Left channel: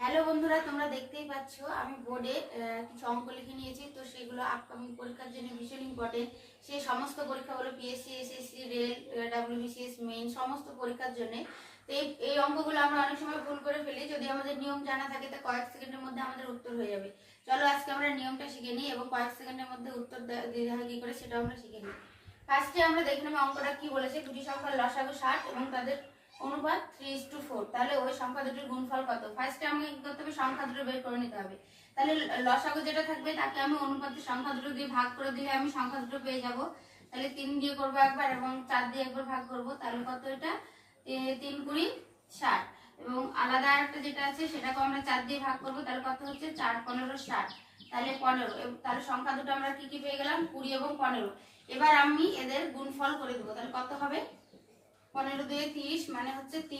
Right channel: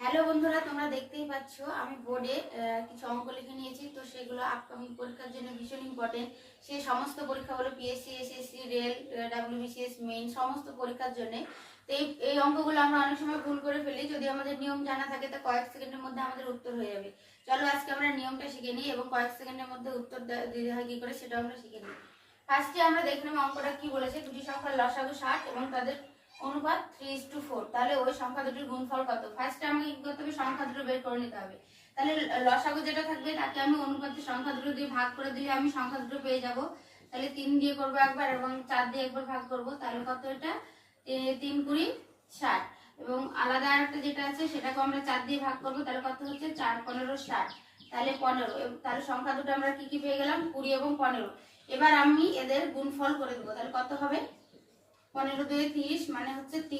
Hello বন্ধুরা, তোমরা দেখতেই পাচ্ছ আমি বোর্ডে কিছু অঙ্ক লিখে নিয়েছি। তো সেগুলো আপকামিং পরীক্ষার জন্য ভীষণ ইম্পর্টেন্ট। সেই সমস্ত পরীক্ষাগুলো PSC, SSC, rail, WBCS, main সমস্ত পরীক্ষার জন্য। তো এই অঙ্কগুলো আমরা অনেক সময় ভুল করে ফেলি। যদি আমাদের নিয়ম জানা থাকে তো কয়েক সেকেন্ডের মধ্যে আমাদের উত্তর হয়ে যাবে। চলো আজকে আমরা নিয়মটা শিখে নিই এবং কয়েক সেকেন্ডের মধ্যে উত্তর দিতে হয় কি করে সেটাও আমরা শিখে নিই। ফার্স্টে আমরা দেখলাম অঙ্কটা কি বলেছে, দুটি সংখ্যার লসাগু 60 এবং তাদের অনুপাত 3:4। তাহলে ওই সংখ্যা দুটির গুণফল কত? ফার্স্টে আমাকে কি করতে হবে, সংখ্যা দুটো বের করে নিতে হবে। তাহলে লসাগু যেটা থাকবে তাকে আমি অনুপাতের সংখ্যা দুটো দিয়ে ভাগ করে দিলে আমি সংখ্যা দুটো পেয়ে যাব। তাহলে 3 দিয়ে করবো একবার এবং 4 দিয়ে একবার ভাগ করব। তাহলে কত এটা? 3 কুড়ি 60। এবং আলাদা আরেকটা যেটা আছে সেটাকে আমরা 4 দিয়ে ভাগ করব। তাহলে কত হচ্ছে? 4 15 60। তাহলে 15। তাহলে সংখ্যা দুটো আমরা কি কি পেয়ে গেলাম? 20 এবং 15। এবার আমি এদের গুণফল করে দেবো। তাহলে কত হবে? 15 দিয়ে 30 মানে হচ্ছে 3।